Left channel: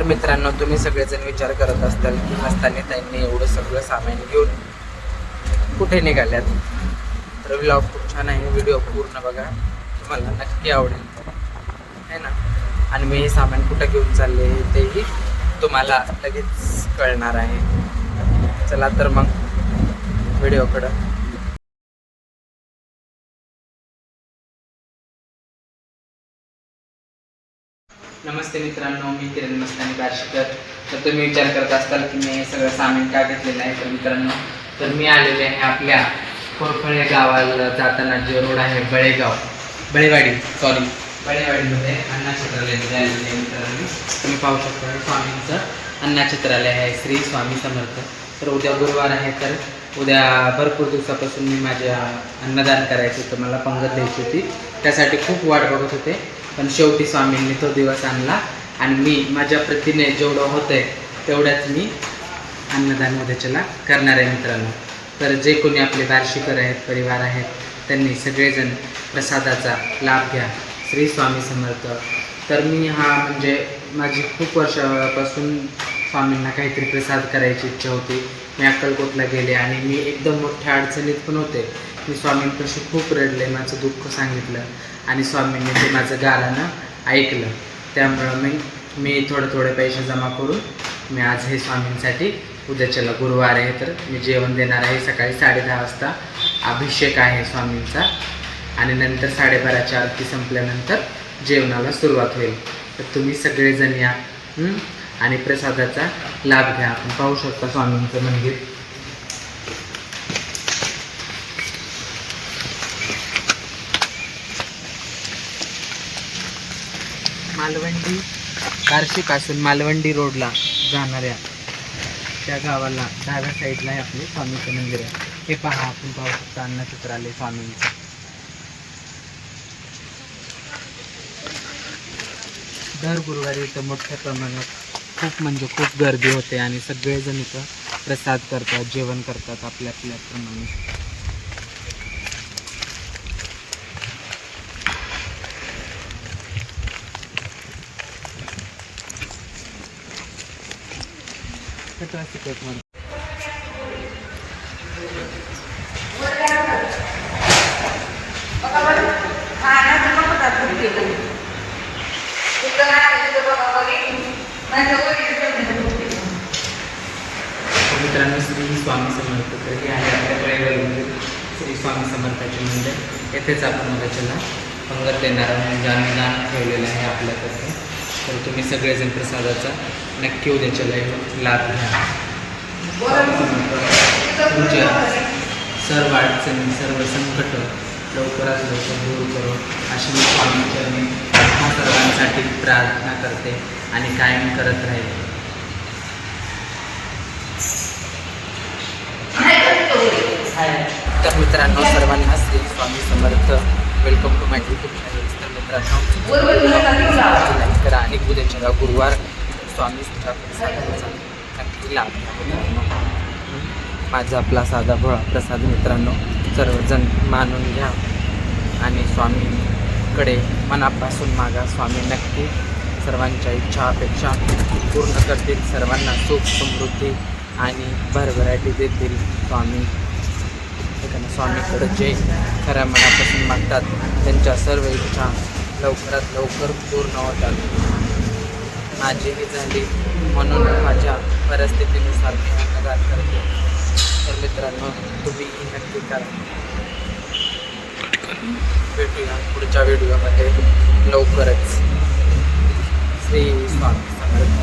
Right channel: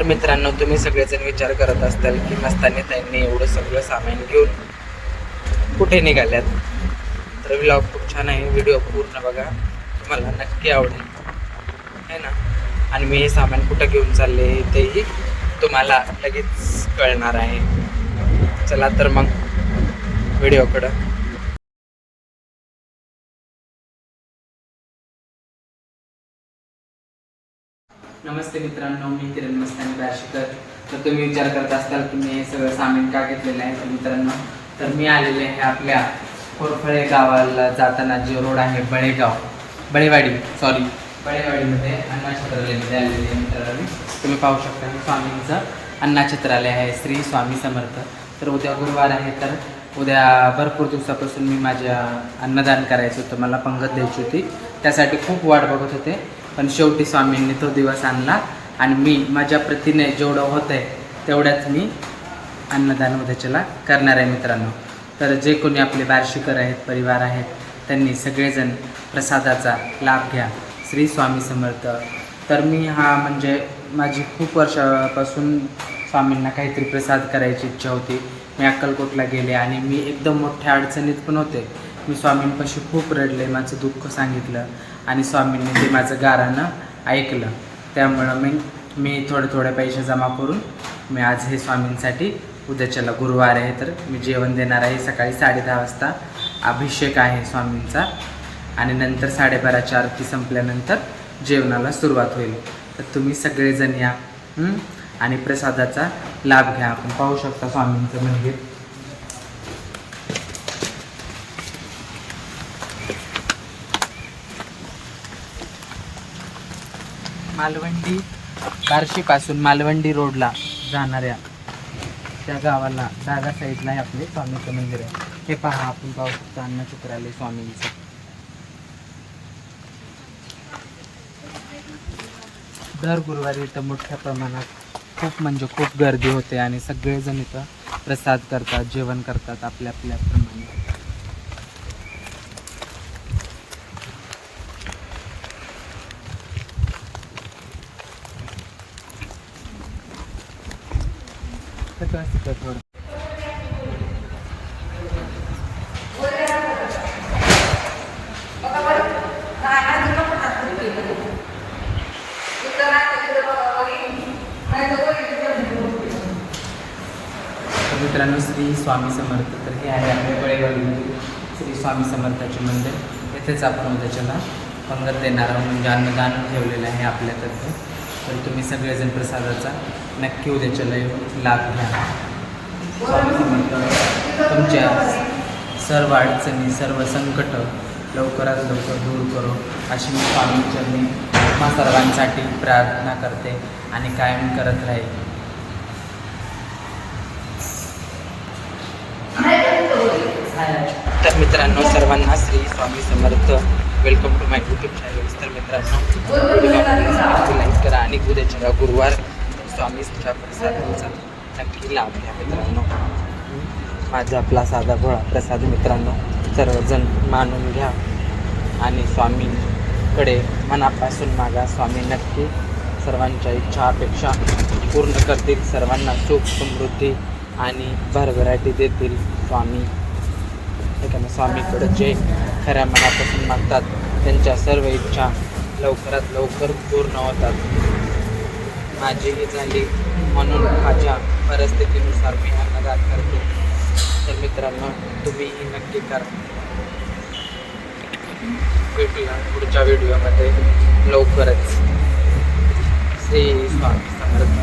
तर मित्रांनो तुम्ही सगळेजण विचार करत असताल की मस्तानी त्यांनी एवढं सगळं सामान घेऊन कुठे निघाल्यात? तर व्लॉग खूप छान आहे व्हिडिओ पूर्ण बघा. तुम्हाला नक्की आवडेल. है ना? आणि मी हे सामान कुठं घेऊन चालले तेही तुम्हाला लगेच कळणार आहे. चला तर मग व्हिडिओकडं नमस्ते मित्रांनो मी किरण मस्तानी बार्शीकर तर तुम्ही विचार करत असाल की मी हे सगळं सामान का घेतलेलं आहे? तर मित्रांनो तर मी आलेले आहे आपल्या कोरफळे गावाला जाताना जे रोड आहे बळेगाव. बळेवाडी सॉरी बळेवाडीमध्ये अण्णा चित्रालयामध्ये आलेले आहे मित्रांनो. तुम्ही पाहू शकता स्वामींचं अण्णा चित्रालय आहे श्री स्वामी समर्थ. तर उद्या गुरुवार आहे तर उद्या भरपूर दिवसापासून मी माझ्या अन्नदान करायचं होतं मला पंगत द्यायची होती. त्यासाठी खूप वाट बघत होते. पण शेवटी स्वामींनी तो दिवस आणला. आणि मी माझ्या प्रतीने जेवढं होतं आहे तेवढ्याच मी अन्नदान उद्याच्याला करणार आहे मित्रांनो. तर जे कोणी आपले वार्षिकर आहेत परिवार आहेत त्यांनी सगळेजण प्रसादाचा लाभ घ्या. श्री स्वामी समर्थ. तर मी हा म्हणजे माझी खूप वर्षापासून स्वामींना काहीतरी प्रसाद करायची इच्छा होती. मी अक्कलकोटला गेले आणि मी एकदम मोठ्या अडचणीत पण होते. मी स्वामींपाशी खूप रडले माझं दुःख सांगितलं आणि स्वामींनी ते माझं गारानं ऐकलं. त्यामुळं मी मी थोडे थोडे पैसे जमा करून मी आज हे स्वामींसाठी उद्याच्याला गुरुवार आहे तर मी जेवण देणार आहे. सकाळी साडेदहा वाजता अभिषेक आहे स्वामींचा आणि नंतर साडेबाराची आरती संपल्यानंतर जेवणाला सुरुवात होईल. तर तुम्ही सगळेजण या आणि प्रसादाचा लाभ घ्या. आपण पाहू शकता स्वामींचं मंदिर. मालवंडी बार्शीपासून मालवंडी रोडला जाणाऱ्या त्या गावाला डाव्या साईडला आहे आपले स्वामीचं मंदिर आहे. हे पहा आपण पाहू शकतो अन्न अन्नचित्रालय स्वामींचं. दर गुरुवारी इथं मोठ्या प्रमाणात खूप म्हणजे खूप गर्दी होते आणि सगळेजण इथं प्रसाद करतात जेवण करतात आपल्या आपल्या प्रमाणे कसं असतं मित्रांनो श्री स्वामी समर्थ तर हे आहे आपल्या कळेवाडीमध्ये श्री स्वामी समर्थाचे मंदिर. येथेच आपण उद्याच्याला पंगत देणार म्हणजे आम्ही दान ठेवलेलं आहे आपल्याकडे तर तुम्ही सगळेजण प्रसादाचा नक्की उद्याच्याला लाभ घ्या. तुमच्या सर्व अडचणी सर्व संकट लवकरात लवकर दूर करो अशी मी स्वामींचरणी आत्मा सर्वांसाठी प्रार्थना करते आणि कायम करत राहील. तर मित्रांनो सर्वांना Shri Swami Samarth. Welcome to my YouTube channel तर मित्रांनो समजा गुरुवार स्वामीच्या प्रसादाचा नक्की लाभ घ्या मित्रांनो. माझा आपला साधा भोळा प्रसाद मित्रांनो सर्वजण मानून घ्या. आणि स्वामींकडे मनापासून मागा. स्वामी नक्की सर्वांच्या इच्छा अपेक्षा पूर्ण करतील. सर्वांना सुख समृद्धी आणि भरभराटी देतील स्वामी. एखाद्या स्वामीकडे जे खऱ्या मनापासून मागतात त्यांच्या सर्व इच्छा लवकरात लवकर पूर्ण होतात. माझीही झाली म्हणून माझ्या परिस्थितीनुसार मी अन्नदान करतो. तर मित्रांनो तुम्हीही नक्की करा. भेटूया पुढच्या व्हिडिओमध्ये. लवकरच. श्री स्वामी समर्थ.